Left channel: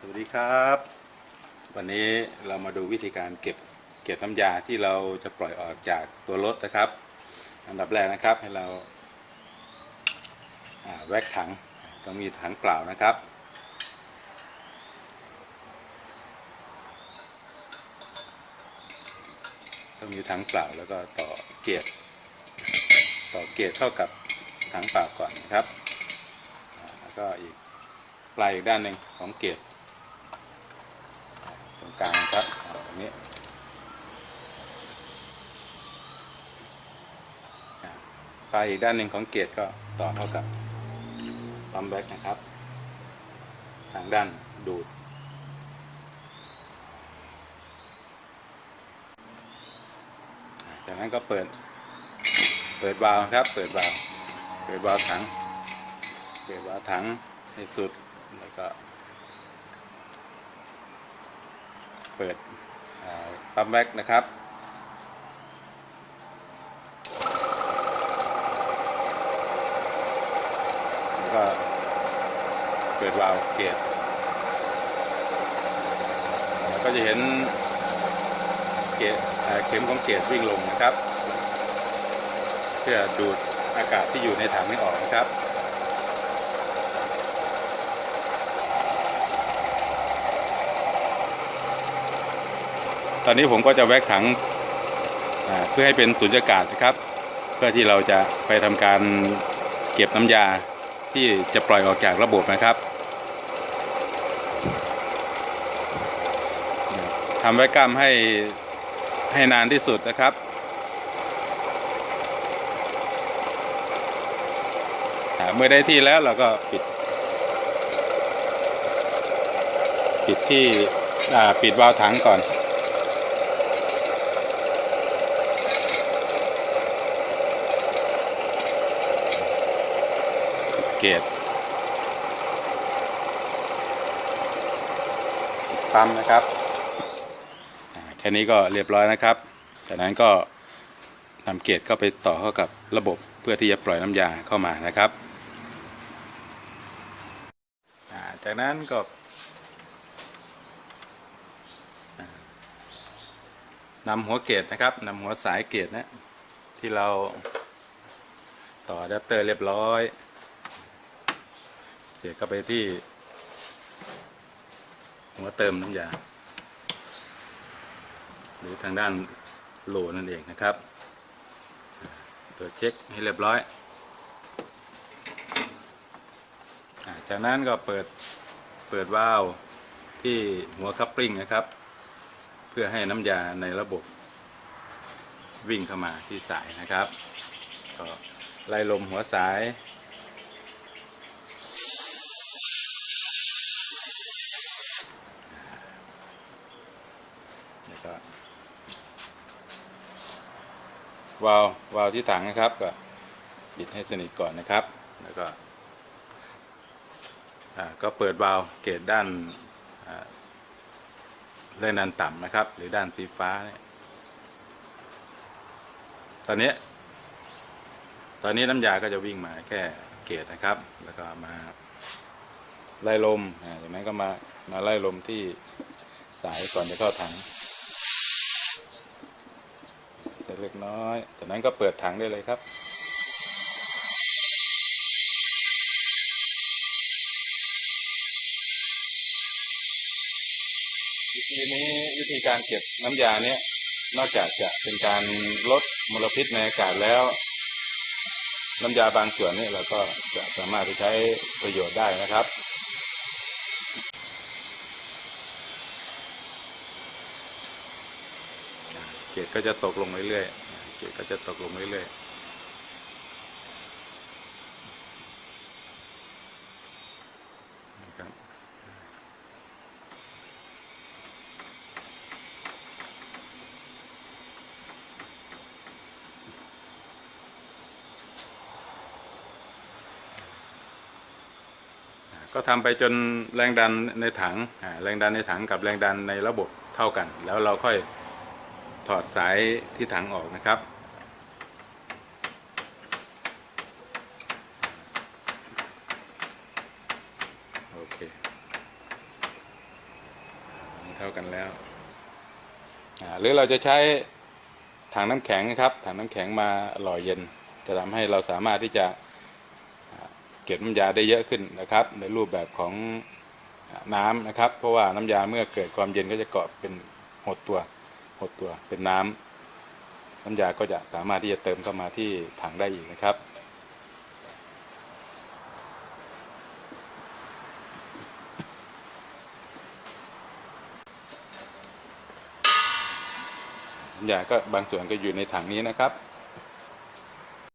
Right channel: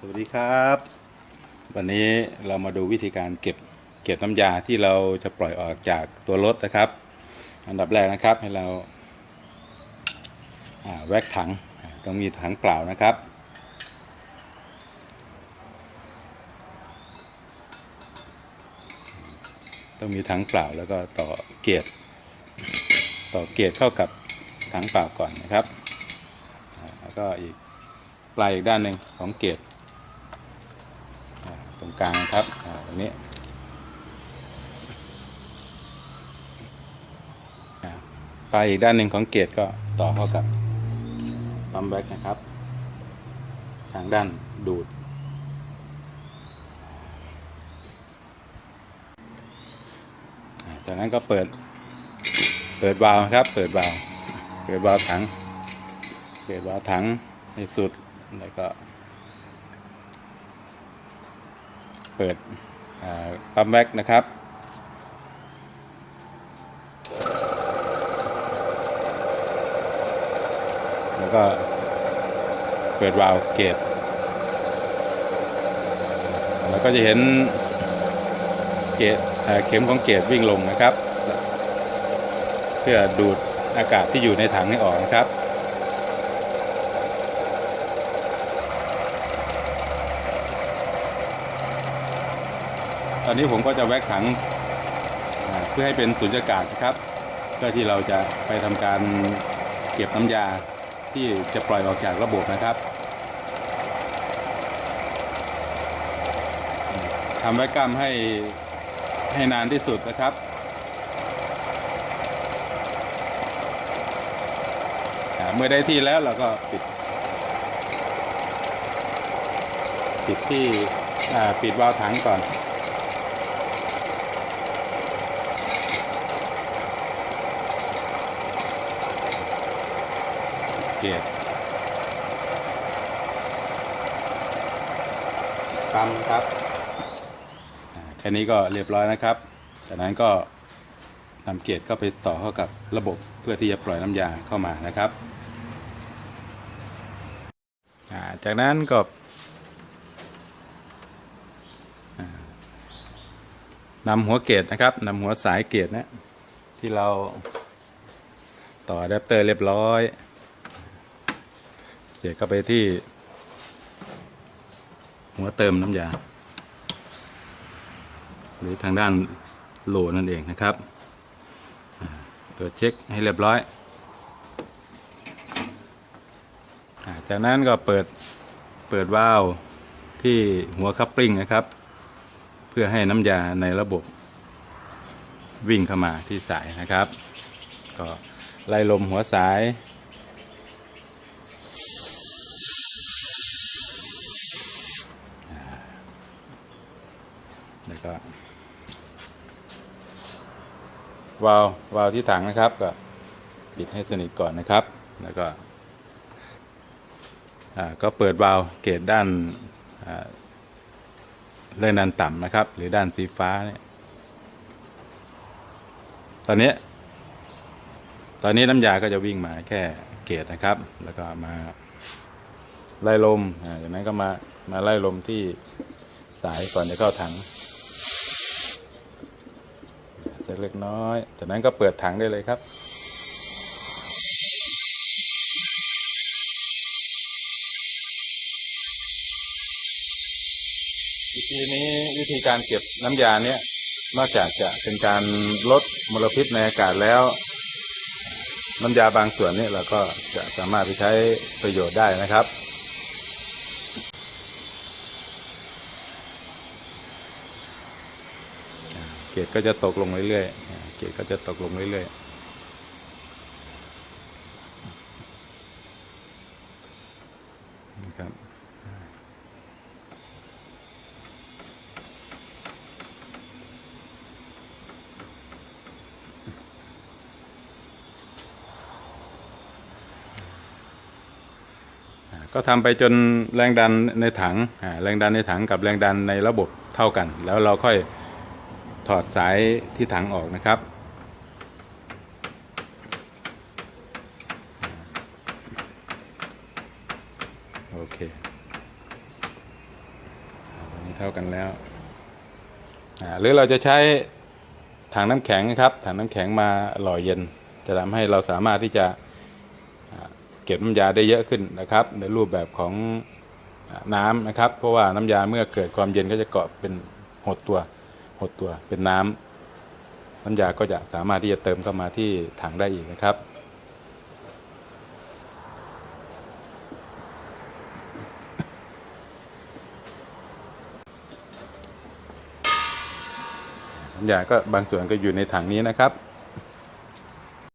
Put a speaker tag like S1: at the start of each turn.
S1: สวัสดีครับ วันนี้เรามาดูวิธีการเก็บเก็บน้ำยาที่เราจะปล่อยออกจากตัวรถนะครับ อันดับแรกนะครับให้เราาแวกถังต้องมีถังเปล่านะครับ ต้องมีถังเปล่าแล้วก็ต่อเกียร์ต่อเกียร์เข้ากับถังเปล่าก่อนนะครับ แล้วก็อีกปลายอีกด้านหนึ่งของเกียร์ รงกลางครับอ่าตรงนี้อ่าปลายอีกด้านหนึ่งของเกียร์ก็ต่อเข้ากับปั๊มแบ็กนะครับ ทางด้านดูด จากนั้นก็เปิด เปิดวาล์วครับ เปิดวาล์วเปิดวาล์วถัง เปิดวาล์วถังให้สุดแล้วก็ เปิดปั๊มแบ็กนะครับ แล้วก็เปิดวาล์วเกตเราก็จะเห็นเกจเอ่อเข็มของเกจวิ่งลงนะครับ เพื่อดูดอากาศที่อยู่ในถังให้ออกนะครับ ตอนนี้ผมก็จะแวกถังเพื่อให้เป็นสุญญากาศนะครับเพื่อที่เราจะไปทำการเก็บน้ำยาที่จะปล่อยออกจากระบบนะครับทำไว้กล้ามให้ให้นานที่สุดนะครับเมื่อได้ที่แล้วเราก็ปิด ปิดที่ปิดวาล์วถังก่อน ตปั๊มนะครับอ่าแค่นี้ก็เรียบร้อยนะครับ จากนั้นก็นำเกจเข้าไปต่อเข้ากับระบบเพื่อที่จะปล่อยน้ำยาเข้ามานะครับาจากนั้นก็นำหัวเกจนะครับนำหัวสายเกจนะที่เราต่ออะแดปเตอร์เรียบร้อย สียบเข้าไปที่ หัวเติมน้ำยา หรือทางด้านโหลนั่นเองนะครับตรวจเช็คให้เรียบร้อย จากนั้นก็เปิดเปิดวาล์วที่หัวคัพปริงนะครับ เพื่อให้น้ำยาในระบบวิ่งเข้ามาที่สายนะครับ ก็ไล่ลมหัวสาย แล้วก็ วาล์ววาล์วที่ถังนะครับ ก็ปิดให้สนิทก่อนนะครับ แล้วก็ก็เปิดวาล์วเกตด้านเลื่อนด้านต่ำนะครับ หรือด้านสีฟ้าเนี่ยตอนนี้ ตอนนี้น้ำยาก็จะวิ่งมาแค่เกตนะครับ แล้วก็มาไล่ลมจากนั้นก็มามาไล่ลมที่สายก่อนจะเข้าถัง เล็กน้อย จากนั้นก็เปิดถังได้เลยครับ วิธีนี้วิธีการเก็บน้ำยาเนี้ยนอกจากจะเป็นการลดมลพิษในอากาศแล้ว น้ำยาบางส่วนนี่เราก็จะสามารถไปใช้ประโยชน์ได้นะครับ เกรดก็จะตกลงเรื่อยๆเกรดก็จะตกลงเรื่อยๆนะครับก็ทำไปจนแรงดันในถังแรงดันในถังกับแรงดันในระบบเท่ากัน แล้วเราค่อย ถอดสายที่ถังออกนะครับ โอเคเท่ากันแล้วหรือเราจะใช้ถังน้ำแข็งนะครับถังน้ำแข็งมาหล่อเย็น จะทำให้เราสามารถที่จะเก็บน้ำยาได้เยอะขึ้นนะครับ ในรูปแบบของน้ำนะครับ เพราะว่าน้ำยาเมื่อเกิดความเย็นก็จะเกาะเป็นหดตัว หดตัวเป็นน้ำน้ำยาก็จะสามารถที่จะเติมเข้ามาที่ถังได้อีกนะครับ น้ำยาก็บางส่วนก็อยู่ในถังนี้นะครับ